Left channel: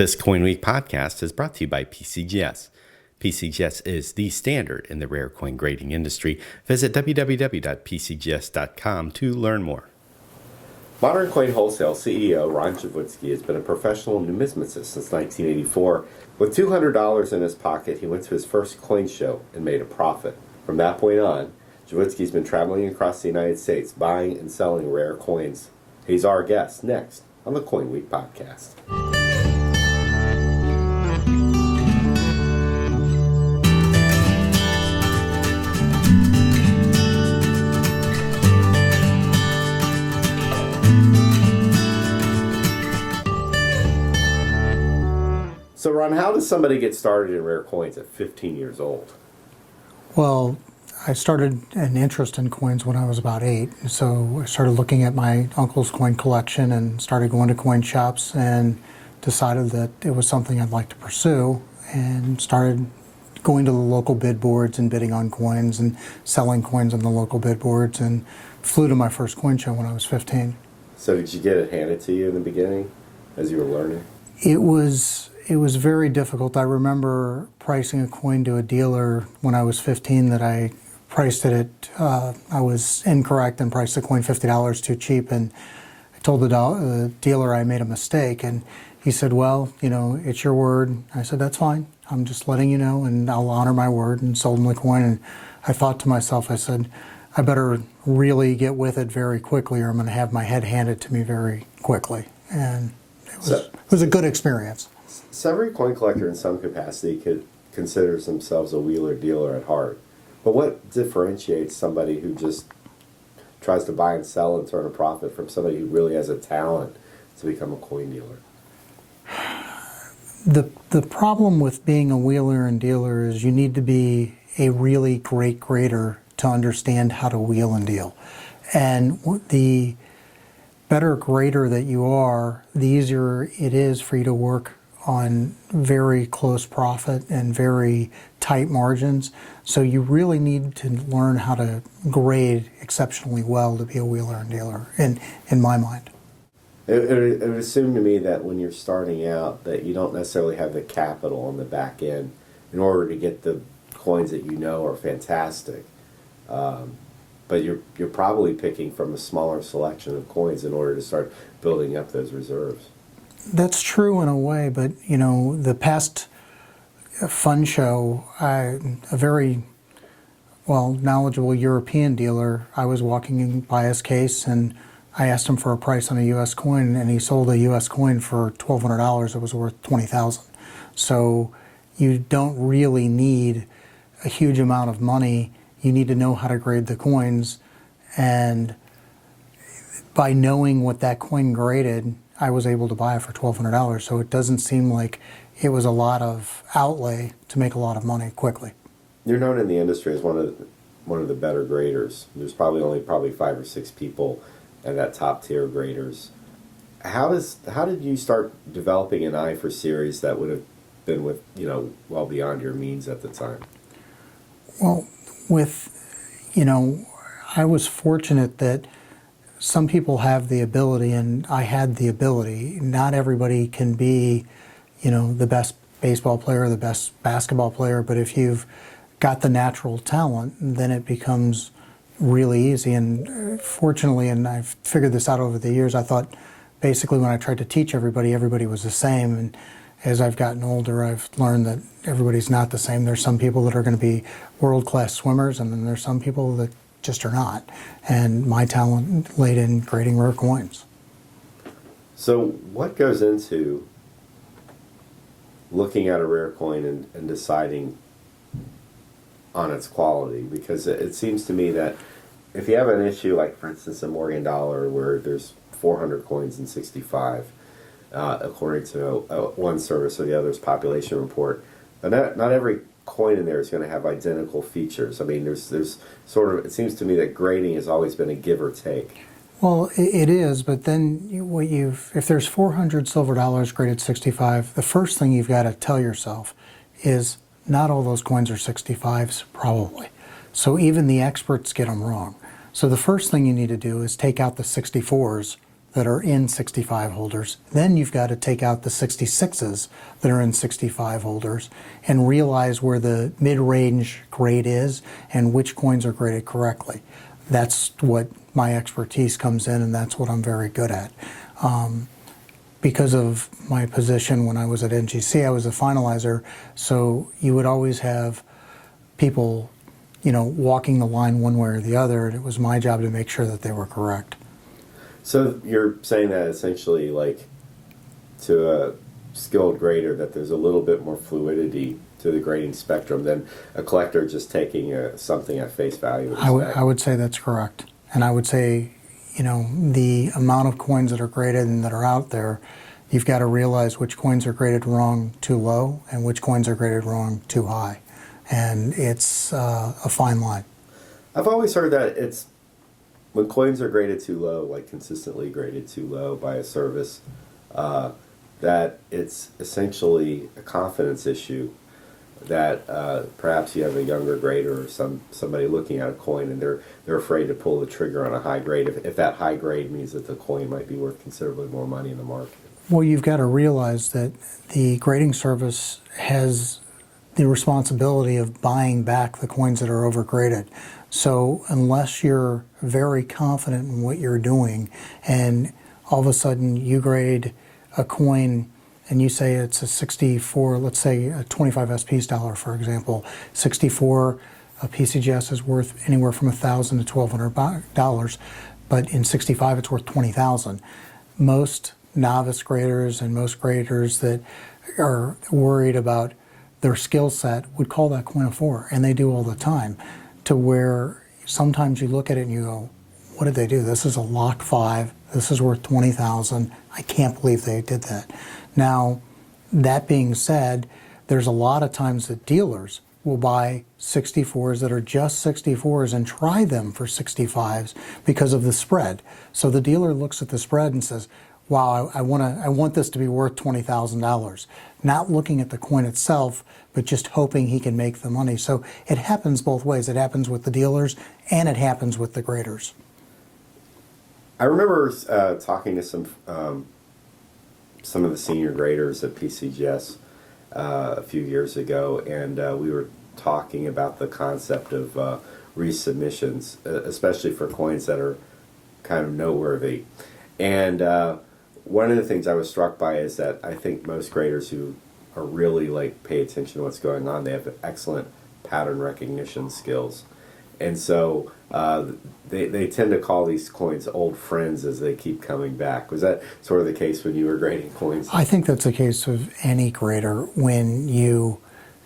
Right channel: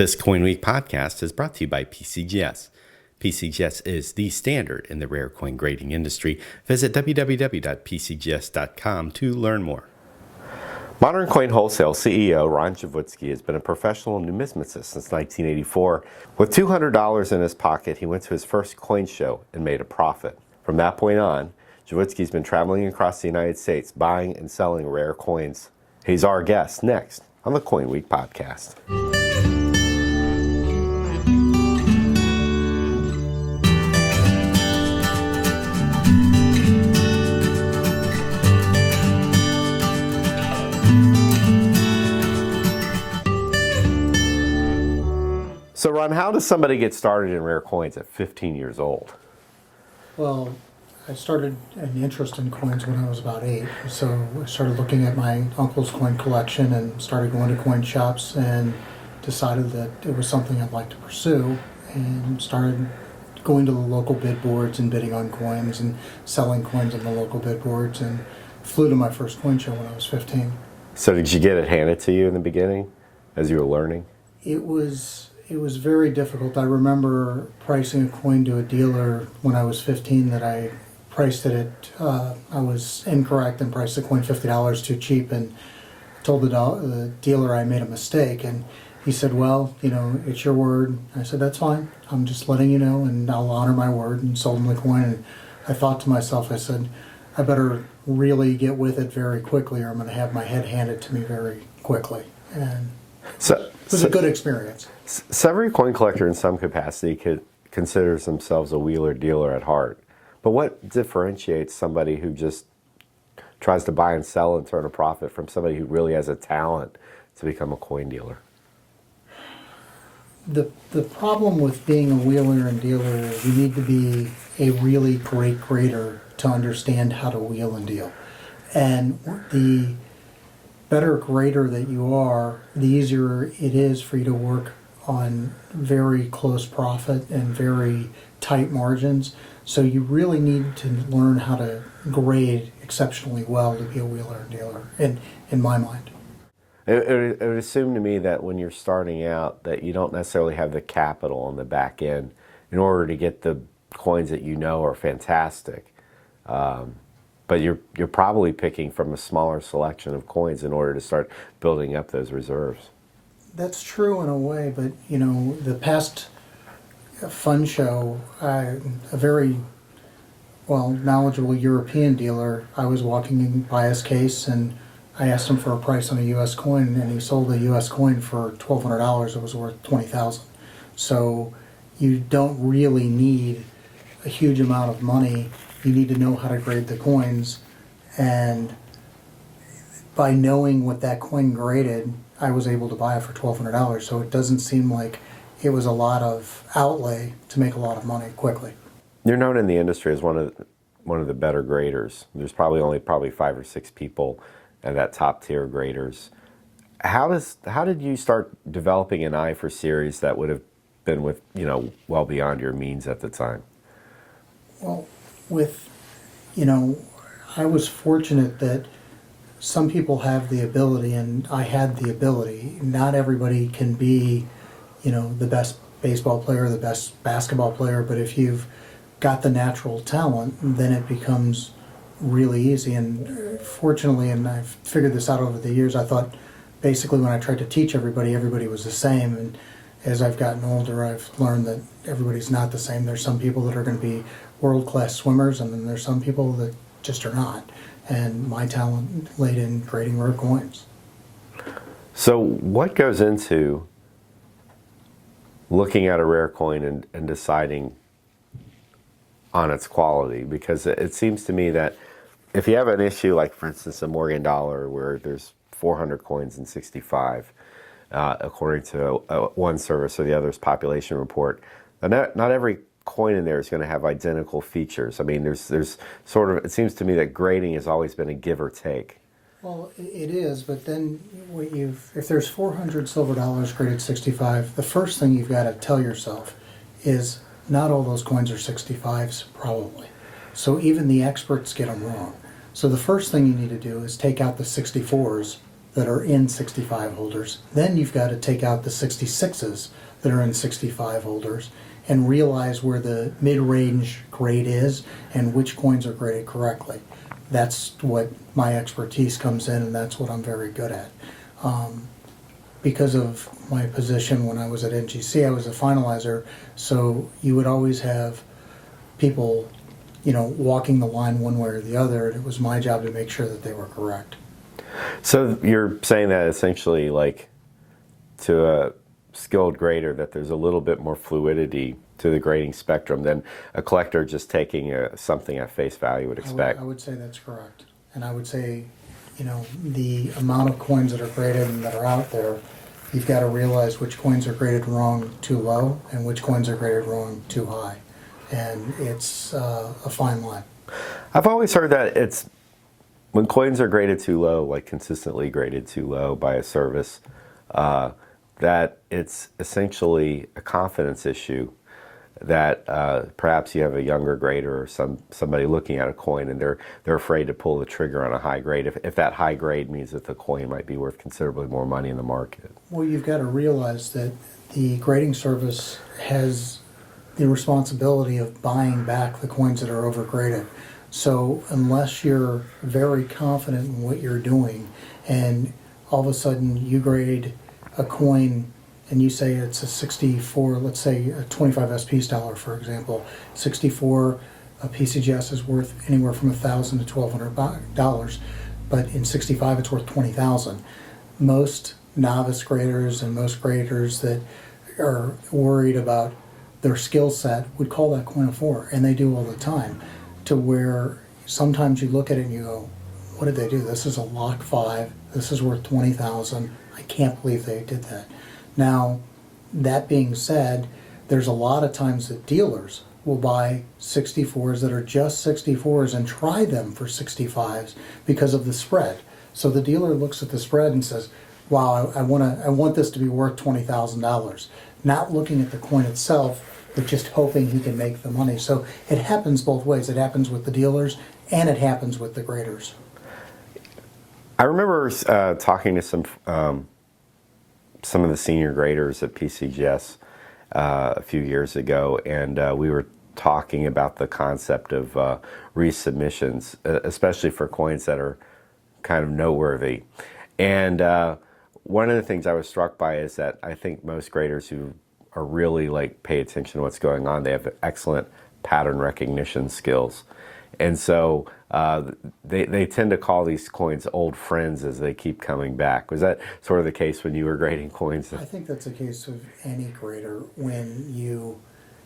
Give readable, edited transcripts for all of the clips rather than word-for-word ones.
This CoinWeek podcast is brought to you by PCGS. PCGS is the standard in the rare coin grading industry. Visit www.pcgs.com to learn more. Modern Coin Wholesale CEO Ron Jaworski has been a professional numismatist since 1984. With $200 in his pocket, he went to his first coin show and made a profit. From that point on, Jaworski's been traveling across the United States, buying and selling rare coins. He's our guest next on the CoinWeek podcast. So Ron, how does somebody get started in rare coins at 15 years old? Well, I started an interest in coins when I was about 8. So I started looking at my uncle's coin collection and started going to coin shops and decided that it was something I'd like to pursue and started going to the local bid boards and bidding on coins and selling coins on the local bid boards and flew to my first coin show when I was 15. So did you get it handed to you in the beginning as you were learning? It was very difficult. I remember pricing a coin to a dealer when I was 15 that I priced it at, I was incorrect and priced the coin $50 too cheap, and told the dealer I made a mistake, and he said, well, it's your word. I said, that's fine. I'm just letting you know, and I'll honor my word, and sold him the coin. And I thought to myself, I said, I better really get with it very quickly or I'm going to have my head handed to me very quickly. And it was a good experience. So every coin collector in some capacity considers themselves a wheeler dealer at heart. But what differentiates somebody who just tries to buy and sell and turn a profit from somebody who really has a talent to become a coin dealer? The problem with being a wheeler and dealer is you need to be a really great grader to understand how to wheel and deal. And the better grader that you are, the easier it is for you to work on very close profit and very tight margins. So you really need to learn how to grade exceptionally well to be a wheeler and dealer, in my mind. It would assume to me that when you're starting out that you don't necessarily have the capital on the back end in order to get the coins that you know are fantastic. But you're probably picking from a smaller selection of coins in order to start building up those reserves. That's true in a way, but the past fun show, a very knowledgeable European dealer, I was walking by his case and I asked him for a price on a U.S. coin, and he sold a U.S. coin for $1,200. It was worth $20,000. So you don't really need a huge amount of money. You need to know how to grade the coins, and by knowing what that coin graded, I was able to buy it for $1,200. So it doesn't seem like it was a lot of outlay to make a lot of money quickly. You're known in the industry as one of the better graders. There's probably 5 or 6 people at that top tier graders. How did you start developing an eye for series that would have been well beyond your means at the time? Well, I was fortunate that some people have the ability, and I had the ability. Not everybody can be, the best baseball player, the best basketball player, but if you've got the natural talent, then it becomes really easy. And fortunately, and I've figured this out over the years, I thought basically when I tried to teach everybody was the same. And as I've gotten older, I've learned that everybody's not the same. There's some people that are going to be world-class swimmers, and then there's some people that just are not. And my talent laid in grading rare coins. So what goes into looking at a rare coin and deciding on its quality? Because it seems to me that if you have an issue like, for instance, a Morgan dollar where there's 400 coins and 65, according to one service or the other's population report, not every coin in there is going to have identical features. I mean, there's sort of, it seems to me that grading has always been a give or take. Well, it is, but then if there's 400 silver dollars graded 65, the first thing you've got to tell yourself is not all those coins are 65s, probably. So even the experts get them wrong. So the first thing you need to do is take out the 64s that are in 65 holders. Then you've got to take out the 66s that are in 65 holders and realize where the mid-range grade is and which coins are graded correctly. That's what my expertise comes in, and that's what I'm very good at. Because of my position when I was at NGC, I was a finalizer, so you would always have people, walking the line one way or the other, and it was my job to make sure that they were correct. So you're saying that essentially, like, to a skilled grader, that there's a little bit more fluidity to the grading spectrum than a collector just taking something at face value with a spec. I would say that's correct. And I would say, the amount of coins that are graded and that are out there, you've got to realize which coins are graded wrong too low and which coins are graded wrong too high. And it's a fine line. I've always heard that it's when coins are graded too low, like consistently graded too low by a service, that it's essentially a confidence issue. That perhaps you have a younger grader or somebody looking at a coin and they're afraid to pull the trigger on a high grade if that high grade means that the coin might be worth considerably more money in the market. Well, you've got to realize that the grading service has the responsibility of buying back the coins that are overgraded. So unless you're very confident in what you're doing and all of a sudden you grade a coin and you say it's a 64, let's say a 25 SP stellar, for example, 64 PCGS is worth anywhere from $1,000 to $1,200, but in 65 it's worth $20,000. Most novice graders and most graders that are worried about their skill set would call that coin a 4, and they do all the time, to where sometimes you look at it and you go, what did they do? This is a lock 5, this is worth $20,000, I can't believe they did that. Now, that being said, there's a lot of times that dealers will buy 64s that are just 64s and try them for 65s because of the spread. So the dealer looks at the spread and says, wow, I want this to be worth $20,000. Not looking at the coin itself, but just hoping he can make the money. So it happens both ways. It happens with the dealers and it happens with the graders. I remember talking to some of the senior graders at PCGS a few years ago, and we were talking about the concept of resubmissions, especially for coins that are kind of noteworthy. And one of the things I was struck by is that I think most graders who are really pay attention to what's going on, they have excellent pattern recognition skills. And so they tend to call these coins old friends as they keep coming back. Was that sort of the case when you were grading coins? I think that's the case of any grader. When you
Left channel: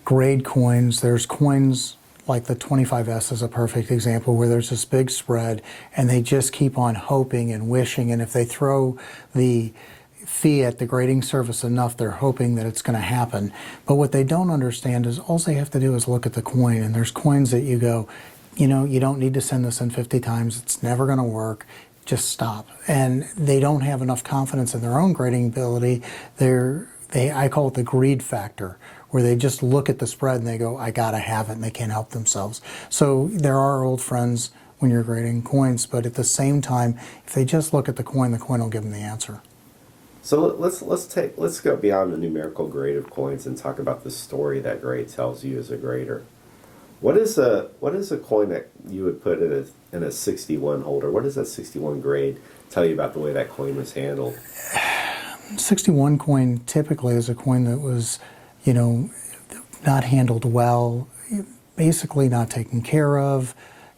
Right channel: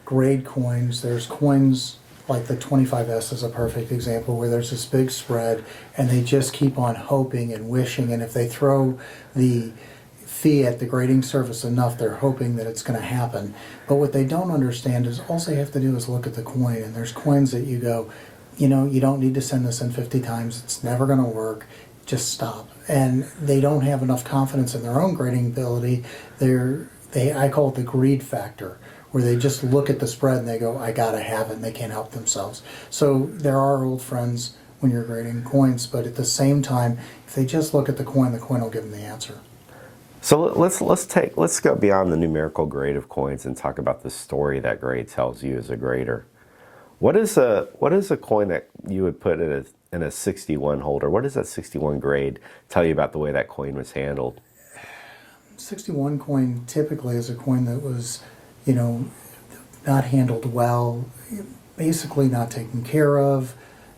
grade coins, there's coins like the 25S is a perfect example where there's this big spread and they just keep on hoping and wishing, and if they throw the fee at the grading service enough, they're hoping that it's going to happen. But what they don't understand is all they have to do is look at the coin, and there's coins that you go, you don't need to send this in 50 times, it's never going to work, just stop. And they don't have enough confidence in their own grading ability. I call it the greed factor, where they just look at the spread and they go, I gotta have it, and they can't help themselves. So there are old friends when you're grading coins, but at the same time, if they just look at the coin will give them the answer. So let's go beyond the numerical grade of coins and talk about the story that grade tells you as a grader. What is a coin that you would put in a 61 holder? What does that 61 grade tell you about the way that coin was handled? 61 coin typically is a coin that was, not handled well, basically not taken care of,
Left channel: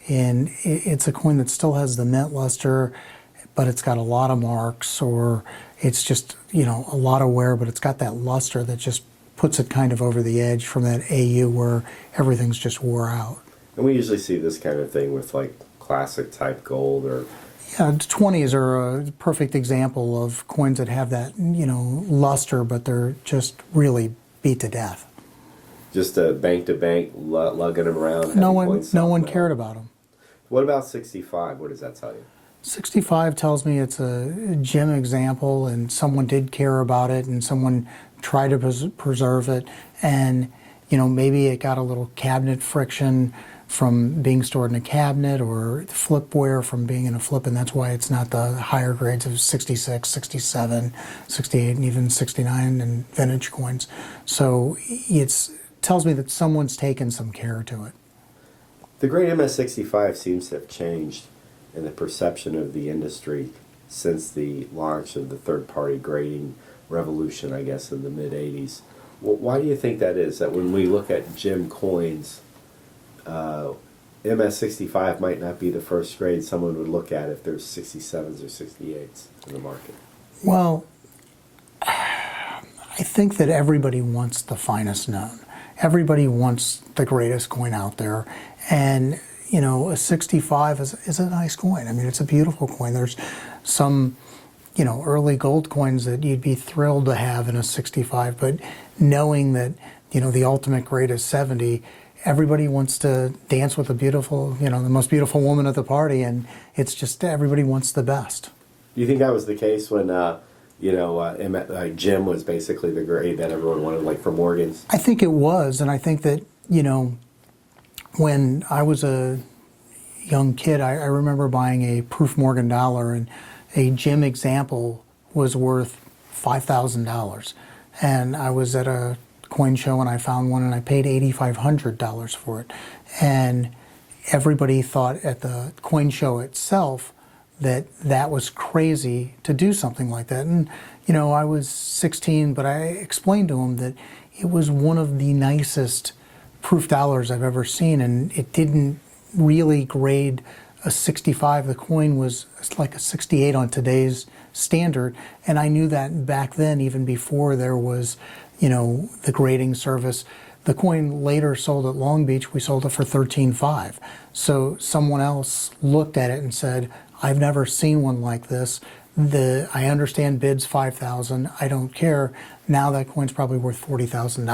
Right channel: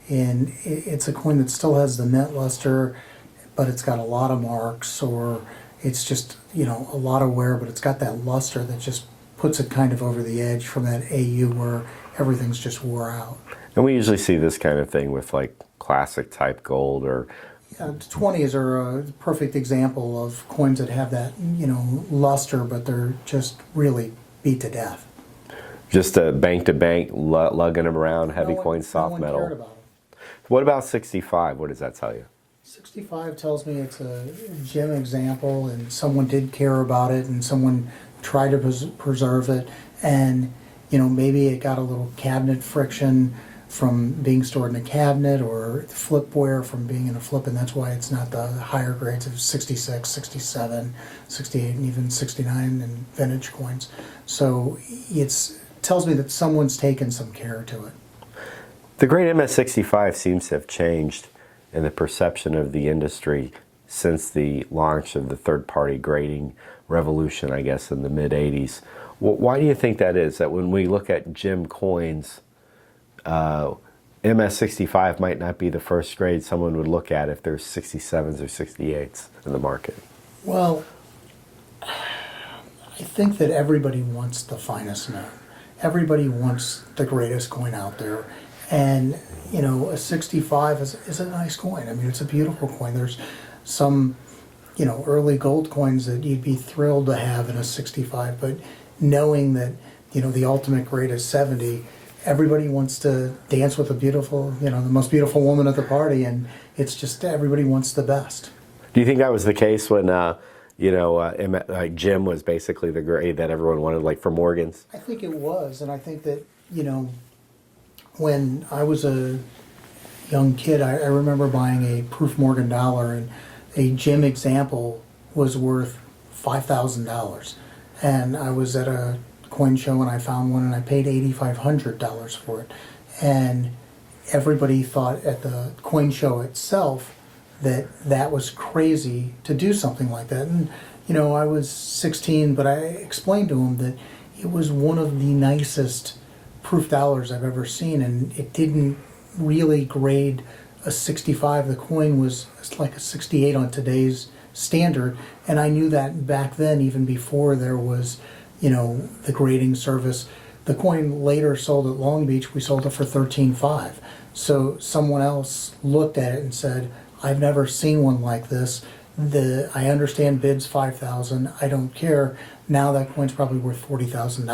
and it's a coin that still has the mint luster, but it's got a lot of marks, or it's just, a lot of wear, but it's got that luster that just puts it kind of over the edge from that AU where everything's just wore out. And we usually see this kind of thing with classic type gold or... Yeah, 20s are a perfect example of coins that have that, luster, but they're just really beat to death. Just a bank lugging them around, heavy coins, soft no one metal. cared about them. What about 65? What does that tell you? 65 tells me it's a gem example, and someone did care about it, and someone tried to preserve it, and maybe it got a little cabinet friction, from being stored in a cabinet, or flipware from being in a flip, and that's why it's not the higher grades of 66, 67, 68, and even 69 in vintage coins. So it tells me that someone's taken some care to it. The great MS-65 seems to have changed in the perception of the industry since the launch of the third-party grading revolution, I guess, in the mid-'80s. Well, why do you think that is? That when we look at gem coins, MS-65 might not be the first grade someone would look at if there's 67s or 68s in the market? Well, I think that everybody wants the finest known. Everybody wants the greatest coin out there. And, you know, a 65 is a nice coin. I mean, it's a beautiful coin. There's some, you know, early gold coins that you'd be thrilled to have in a 65, but knowing that, you know, the ultimate grade is 70, everybody wants to dance with the beautiful, you know, the most beautiful woman at the party, and it's just everybody wants the best. Do you think that was the case when, gem was basically the grade that everyone wanted, like for Morgans? I think it was, and I think that, you know, when I was a young kid, I remember buying a proof Morgan dollar, and a gem example was worth $5,000. And I was at a coin show and I found one and I paid $8,500 for it. And everybody thought at the coin show itself that that was crazy to do something like that. And, you know, I was 16, but I explained to them that it was one of the nicest proof dollars I've ever seen, and it didn't really grade a 65. The coin was like a 68 on today's standard, and I knew that back then, even before there was, you know, the grading service. The coin later sold at Long Beach. We sold it for $13,500. So someone else looked at it and said, I've never seen one like this. I understand bids $5,000. I don't care. Now that coin's probably worth $40,000,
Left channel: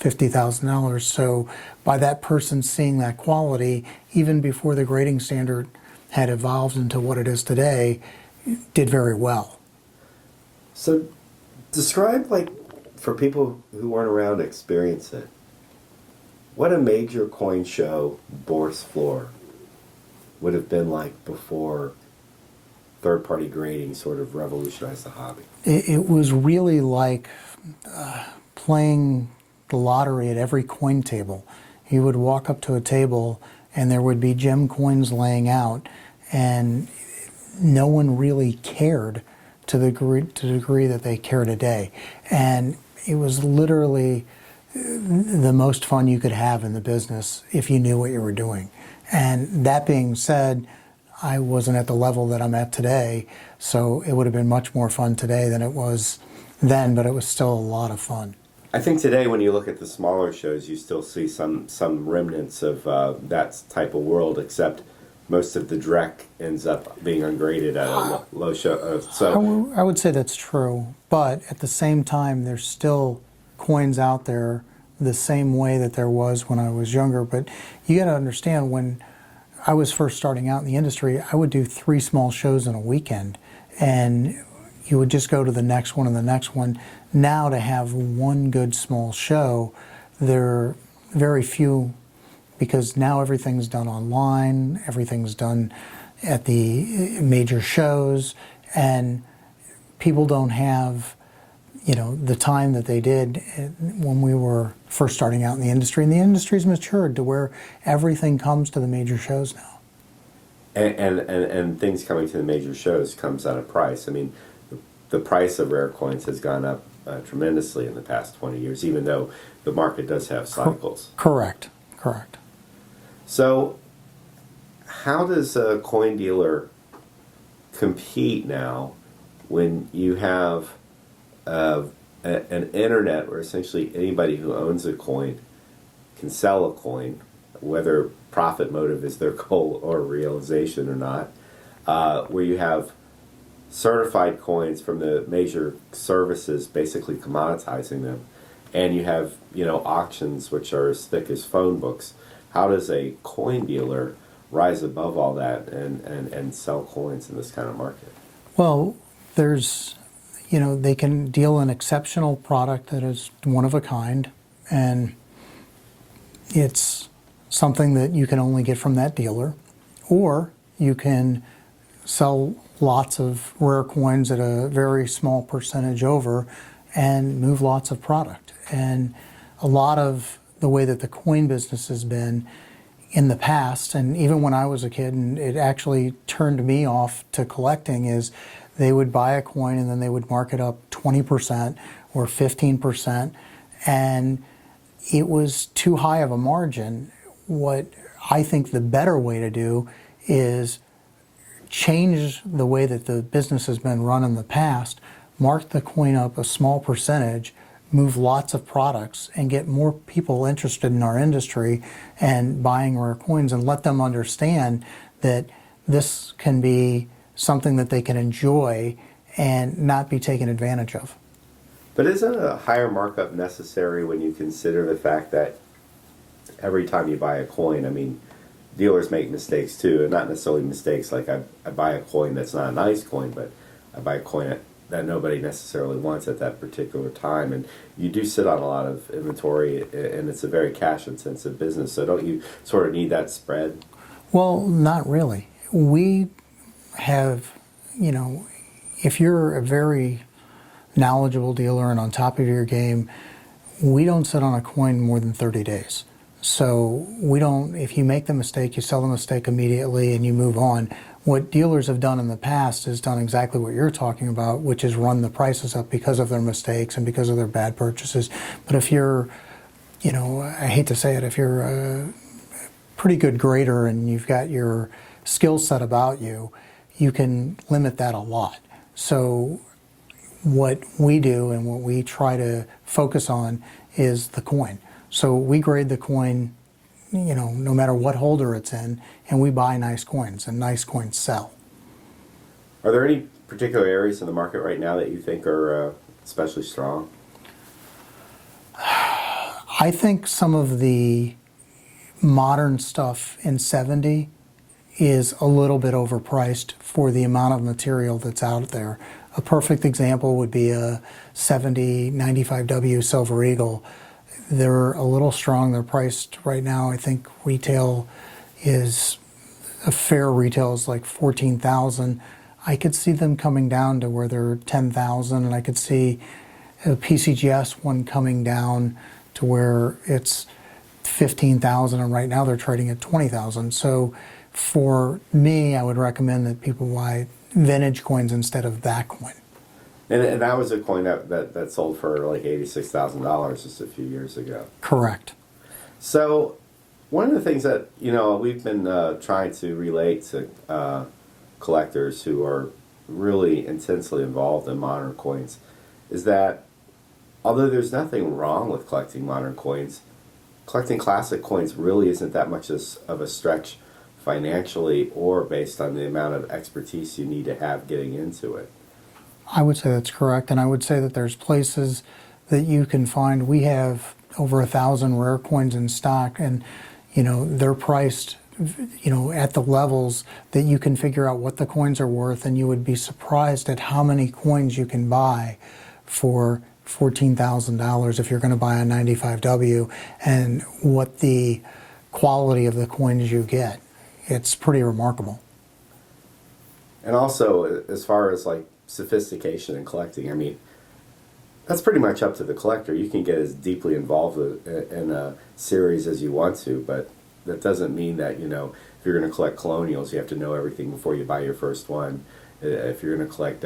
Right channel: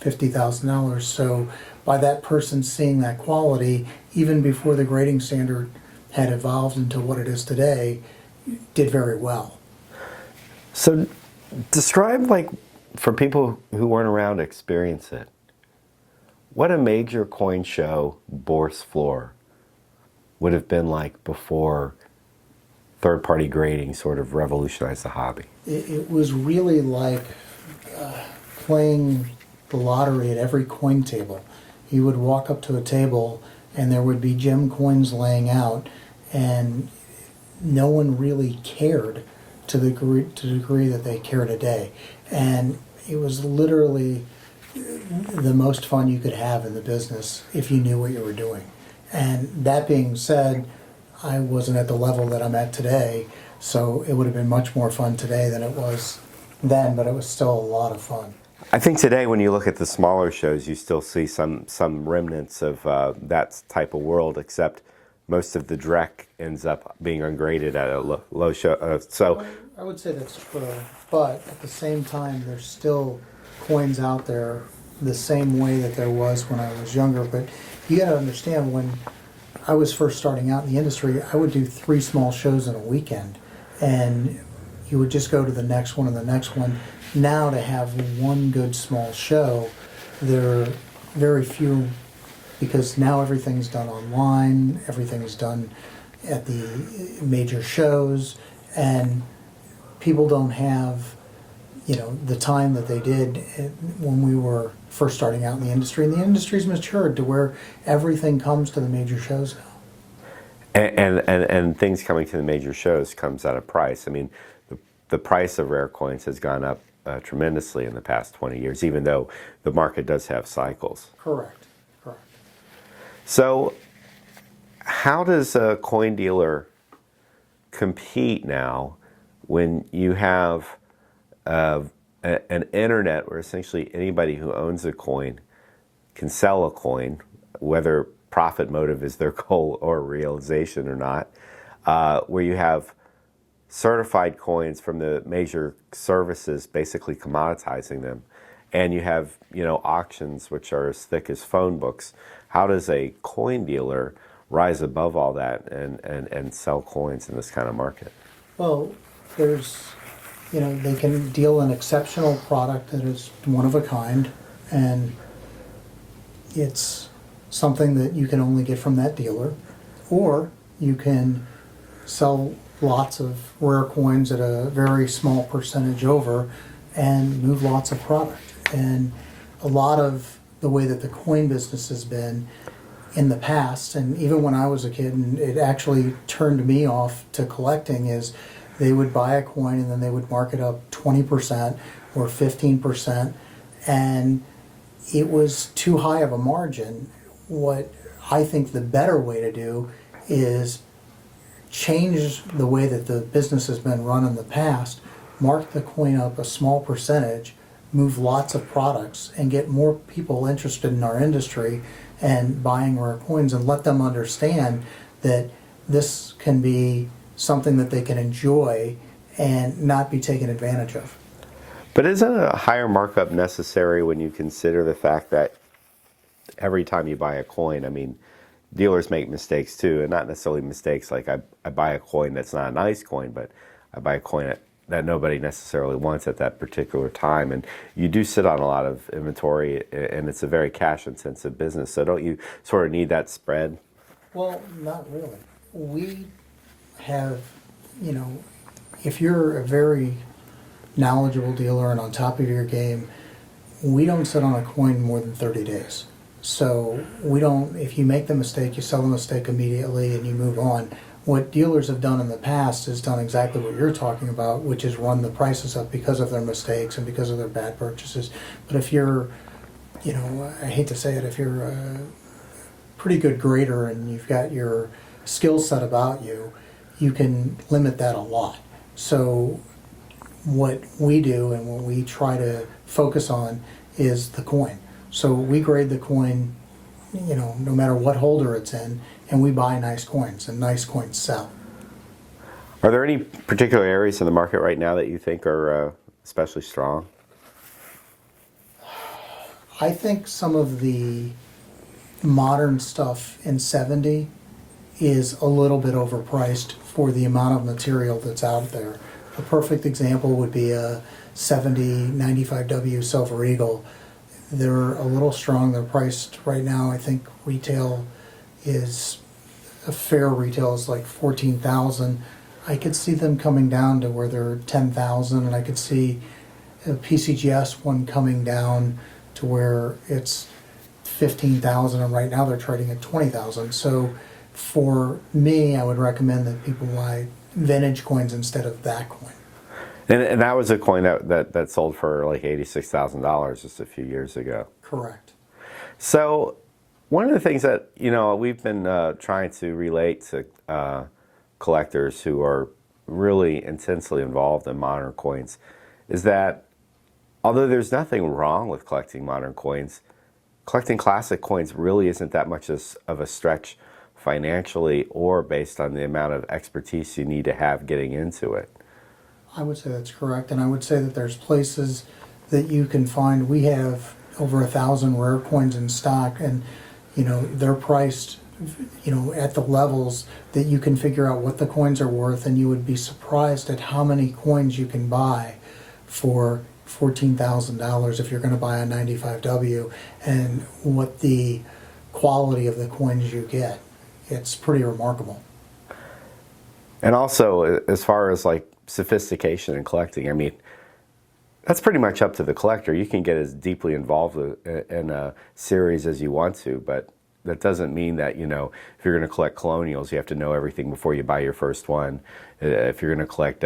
$50,000. So by that person seeing that quality, even before the grading standard had evolved into what it is today, did very well. So describe, like, for people who weren't around to experience it, what a major coin show Bourse floor would have been like before third-party grading sort of revolutionized the hobby. It was really like playing the lottery at every coin table. You would walk up to a table and there would be gem coins laying out, and no one really cared to the degree that they care today. And it was literally the most fun you could have in the business if you knew what you were doing. And that being said, I wasn't at the level that I'm at today, so it would have been much more fun today than it was then, but it was still a lot of fun. I think today when you look at the smaller shows, you still see some remnants of that type of world, except most of the Drek ends up being ungraded at a low show. I would say that's true, but at the same time, there's still coins out there the same way that there was when I was younger. But you got to understand, when I was first starting out in the industry, I would do 3 small shows in a weekend, and you would just go to the next one and the next one. Now to have one good small show, there are very few, because now everything's done online, everything's done at the major shows, and people don't have, you know, the time that they did when we were first starting out in the industry. And the industry's matured to where everything comes to the major shows now. And things coming to the major shows comes at a price. I mean, the price of rare coins has gone up tremendously in the past 20 years, even though the market does have cycles. Correct. So how does a coin dealer compete now when you have an internet where essentially anybody who owns a coin can sell a coin, whether profit motive is their goal or realization or not, where you have certified coins from the major services basically commoditizing them, and you have, you know, auctions which are as thick as phone books? How does a coin dealer rise above all that and sell coins in this kind of market? Well, there's, you know, they can deal an exceptional product that is one of a kind, and it's something that you can only get from that dealer, or you can sell lots of rare coins at a very small percentage over and move lots of product. And a lot of the way that the coin business has been in the past, and even when I was a kid, and it actually turned me off to collecting, is they would buy a coin and then they would mark it up 20% or 15%, and it was too high of a margin. What I think the better way to do is change the way that the business has been run in the past, mark the coin up a small percentage, move lots of products, and get more people interested in our industry and buying rare coins, and let them understand that this can be something that they can enjoy and not be taken advantage of. But isn't a higher markup necessary when you consider the fact that every time you buy a coin, I mean, dealers make mistakes too, and not necessarily mistakes like I buy a coin that's not a nice coin, but I buy a coin that nobody necessarily wants at that particular time. And you do sit on a lot of inventory, and it's a very cash-intensive business. So don't you sort of need that spread? Well, not really. We have, if you're a very knowledgeable dealer and on top of your game, we don't sit on a coin more than 30 days. So we don't, if you make the mistake, you sell the mistake immediately and you move on. What dealers have done in the past is done exactly what you're talking about, which is run the prices up because of their mistakes and because of their bad purchases. But if you're, I hate to say it, if you're a pretty good grader and you've got your skill set about you, you can limit that a lot. So what we do and what we try to focus on is the coin. So we grade the coin, no matter what holder it's in, and we buy nice coins, and nice coins sell. Are there any particular areas in the market right now that you think are especially strong? I think some of the modern stuff in 70 is a little bit overpriced for the amount of material that's out there. A perfect example would be a 70 95W Silver Eagle. They're a little strong. They're priced right now, I think retail is, a fair retail is like 14,000. I could see them coming down to where they're 10,000, and I could see a PCGS one coming down to where it's 15,000, and right now they're trading at 20,000. So for me, I would recommend that people buy vintage coins instead of that coin. And that was a coin that sold for like $86,000 just a few years ago. Correct. So one of the things that, we've been trying to relate to collectors who are really intensely involved in modern coins is that although there's nothing wrong with collecting modern coins, collecting classic coins really isn't that much of a stretch financially or based on the amount of expertise you need to have getting into it. I would say that's correct, and I would say that there's places that you can find. We have over 1,000 rare coins in stock, and they're priced, at the levels that you can figure out what the coins are worth, and you would be surprised at how many coins you can buy for $14,000 if you're going to buy a 95W, and what the quality of the coins you get. It's pretty remarkable. And also, as far as like sophistication in collecting, I mean, that's pretty much up to the collector. You can get as deeply involved in a series as you want to, but that doesn't mean that, if you're going to collect colonials, you have to know everything before you buy your first one. If you're going to collect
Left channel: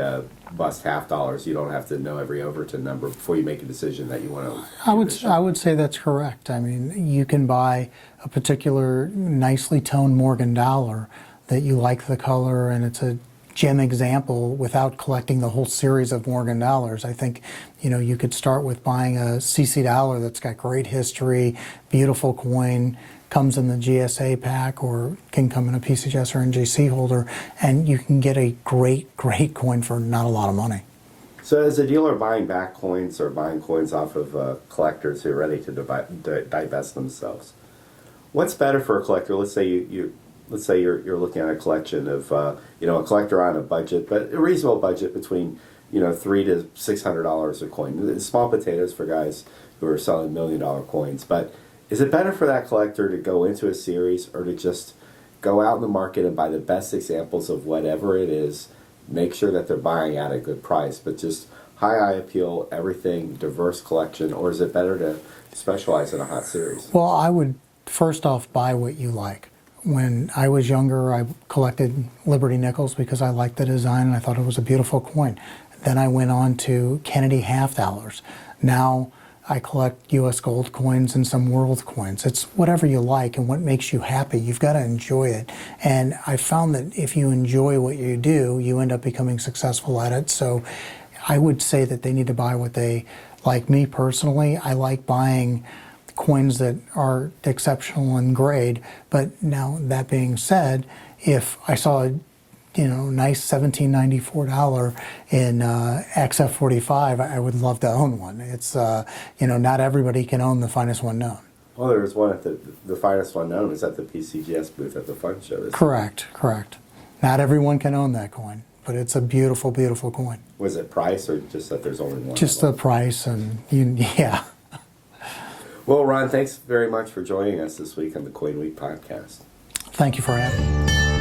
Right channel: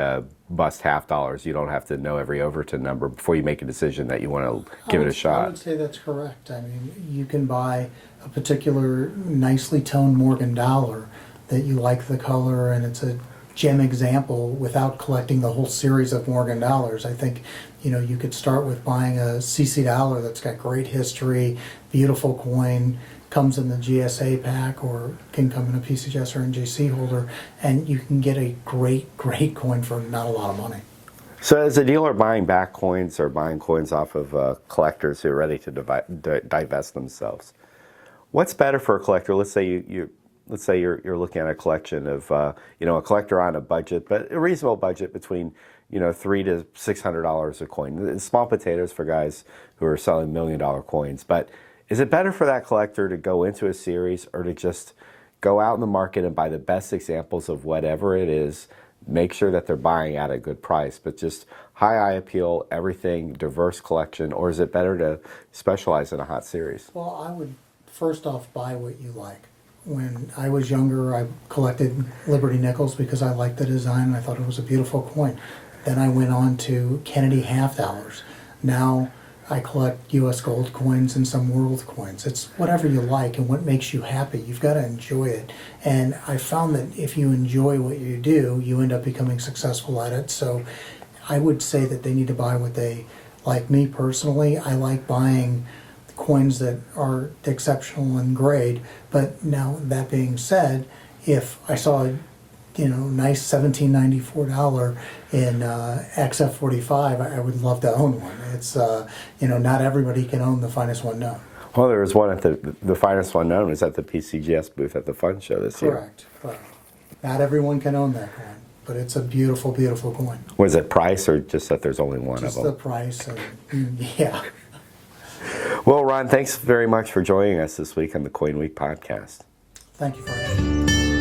bust half dollars, you don't have to know every Overton number before you make a decision that you want to give it a shot. I would say that's correct. I mean, you can buy a particular nicely toned Morgan dollar that you like the color and it's a gem example without collecting the whole series of Morgan dollars. I think, you could start with buying a CC dollar that's got great history, beautiful coin, comes in the GSA pack or can come in a PCGS or NJC holder, and you can get a great coin for not a lot of money. So as a dealer buying back coins or buying coins off of collectors who are ready to divest themselves, what's better for a collector? Let's say you're looking at a collection of a collector on a budget, but a reasonable budget between $300 to $600 a coin. Small potatoes for guys who are selling $1 million coins. But Is it better for that collector to go into a series or to just go out in the market and buy the best examples of whatever it is, make sure that they're buying at a good price, but just high eye appeal, everything, diverse collection, or is it better to specialize in a hot series? Well, I would first off buy what you like. When I was younger, I collected Liberty nickels because I liked the design and I thought it was a beautiful coin. Then I went on to Kennedy half dollars. Now I collect U.S. gold coins and some world coins. It's whatever you like and what makes you happy. You've got to enjoy it. And I found that if you enjoy what you do, you end up becoming successful at it. So I would say that they need to buy what they like. Me personally, I like buying coins that are exceptional in grade. But now that being said, if I saw a nice $17.94 in XF45, I would love to own one. It's not everybody can own the finest one known. Well, there was one at the finest one known was at the PCGS booth at the Fun Show this year. Correct. Not everyone can own that coin, but it's a beautiful, beautiful coin. Was it price or just that there's only one? Just the price yeah. Well, Ron, thanks very much for joining us this week on the CoinWeek podcast. Thank you for having me.